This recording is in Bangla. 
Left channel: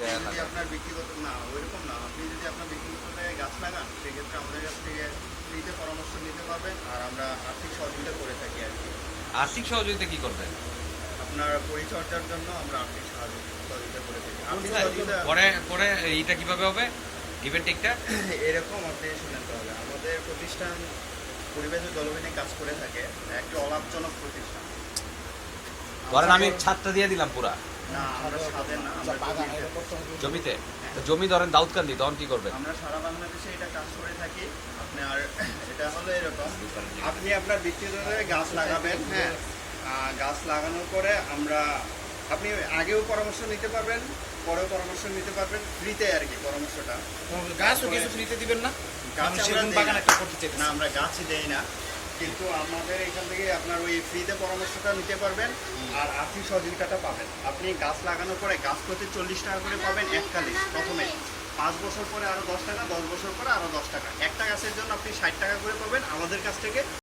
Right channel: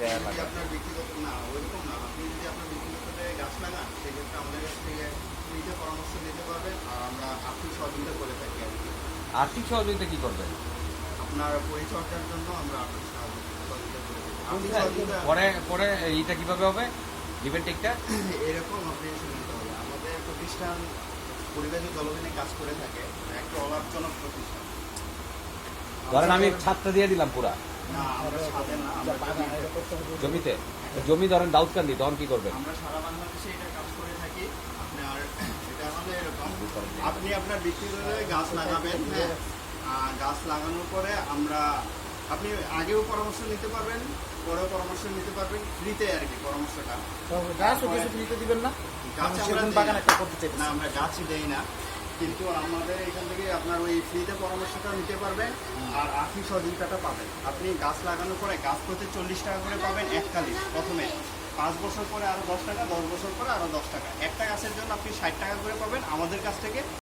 দেয়া যদি আপনার ব্যক্তিগত না ওইরকম না। আপনি যদি আপনার ব্যক্তিগত গাছ লাগান সেক্ষেত্রে আমাদের কাছ থেকে ফ্রিতে পরামর্শ নিতে পারবেন আর আমরা আর্থিক সহযোগিতা করে থাকি আর কি। আর্থিক সহযোগিতা কি করবেন? আপনার পরিচর্যার জন্য আমরা আর্থিক সহযোগিতা করে থাকি। আর্থিক সহযোগিতা পরে পরে এইটা কীভাবে হবে? গিভেন টেকটা এরকম আপনি শুনেন হবে আমাদের প্রতিষ্ঠান পরিবেশের জলবায়ু কাজ করে থাকে। একটা অলাভজনক প্রতিষ্ঠান। ধরেন আমি ছাদটা দিয়ে দিলাম পুরা। আমরা জমিতে- জমি ধরেন দাউদকান্দি তখন কি করবেন? আমরা সারা বাংলাদেশে এটা কাজ করে থাকি। আপনার এটা হলো এরকম। আপনি আপনার ব্যক্তিগত গাছ লাগাবেন হ্যাঁ। গাছ লাগানোর পরে আমরা আপনি আগেও পরামর্শ নিতে পারবেন পরেও পরামর্শ নিতে পারবেন ফ্রিতে আর কি পরামর্শটা। গাছও কিছু ফ্রিতে দিবেন না? গাছ বাগান না। একটা করতে চাই না আমরা গাছই দেই না। কিন্তু আমাদের এখান থেকে আপনার ওই ফ্রিতে পরামর্শটা নিতে পারবেন, আর আর্থিক সহযোগিতাটা পাবেন। আপনি গাছ লাগানোর পরে গাছ প্রতি চল্লিশ টাকা করে পাবেন এককালীন প্রথমে। পাঁচ বছর পরে আরও দশ টাকা, দশ বছর পরে আরও দশ টাকা। একটা গাছের জন্য আপনি ষাট টাকা করে পাবেন। আমাদের কাছ থেকে